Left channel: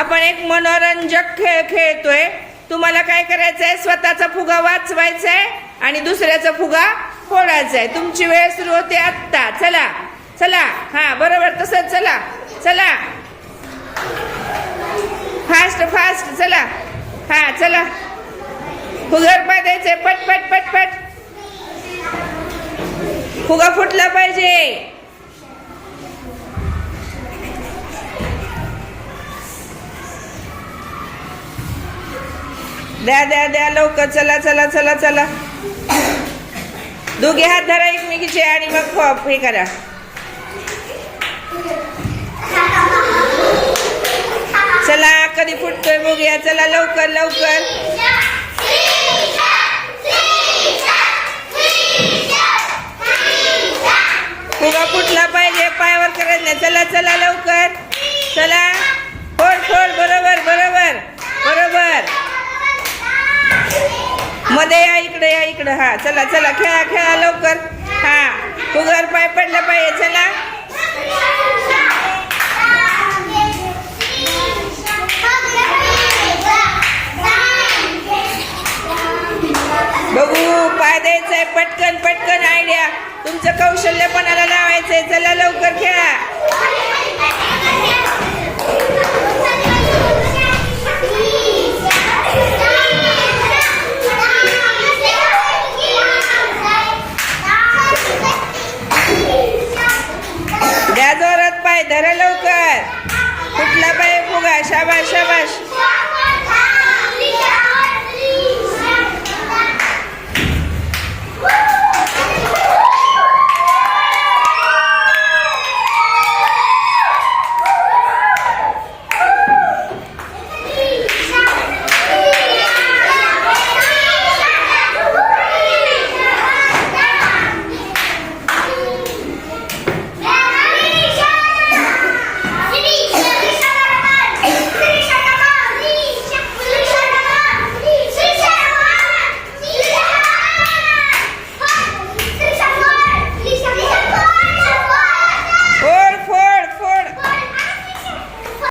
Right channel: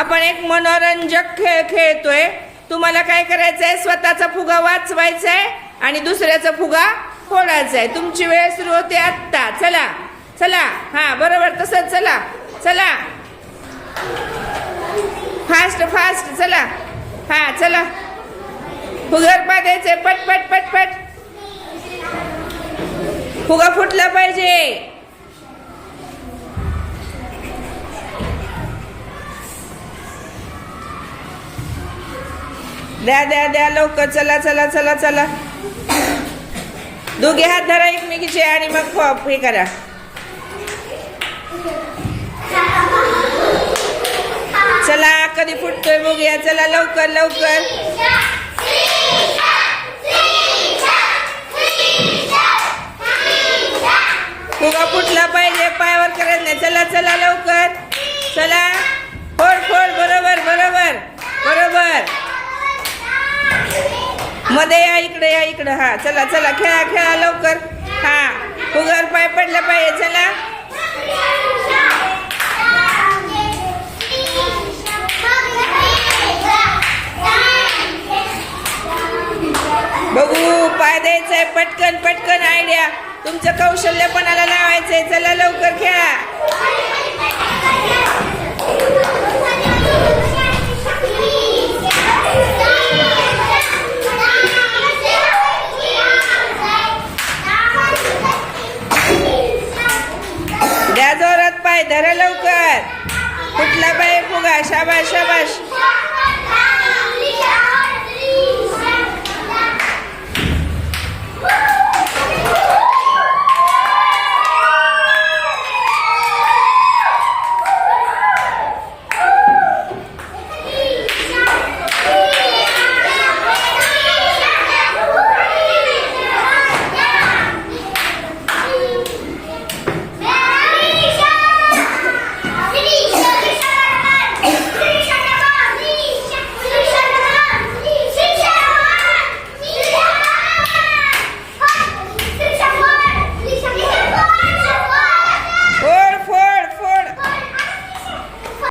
आपण एक मनोरंजक खेळ खेळतोय. तुम्हाला काय करायचंय? स्वतःचा फुगा वाचवायचा आहे आणि दुसऱ्याचा फुगा फोडायचा आहे. तुमची वेळ सुरू होते आत्ता. चला चला. हा बरोबर तसंच. चला चला फास्ट फास्ट. चला. हा चला. फुगर पाय द्यायचे. पट पट पट पट. फुगा फुटला पाहिजे. द्या द्या द्या लवकर. चला चला चला चला. दोघे हात धरा एकमेकीचे आणि मग हे करा. चला कधी फुटतोय बघूया. चला लवकर लवकर. फुगा फुटला पाहिजे. पायावर करायचं नाही. चला चला लवकर. चला फोड फोड. बरोबर बरोबर बरोबर. मध्ये या इकडे या इकडे. हा चला चला खेळा खेळा लवकर. हा फुगावर पाय पडला पाहिजे. चला बघू. पाय द्यायचंय. पटकन पटकन. आयडिया. तुमचं कौशल्य पणाला लावायचंय. चला लवकर खेळा. द्या जोरात पाय. धरा लवकर. फुटला पाहिजे फुगा. शाबाश शाबाश.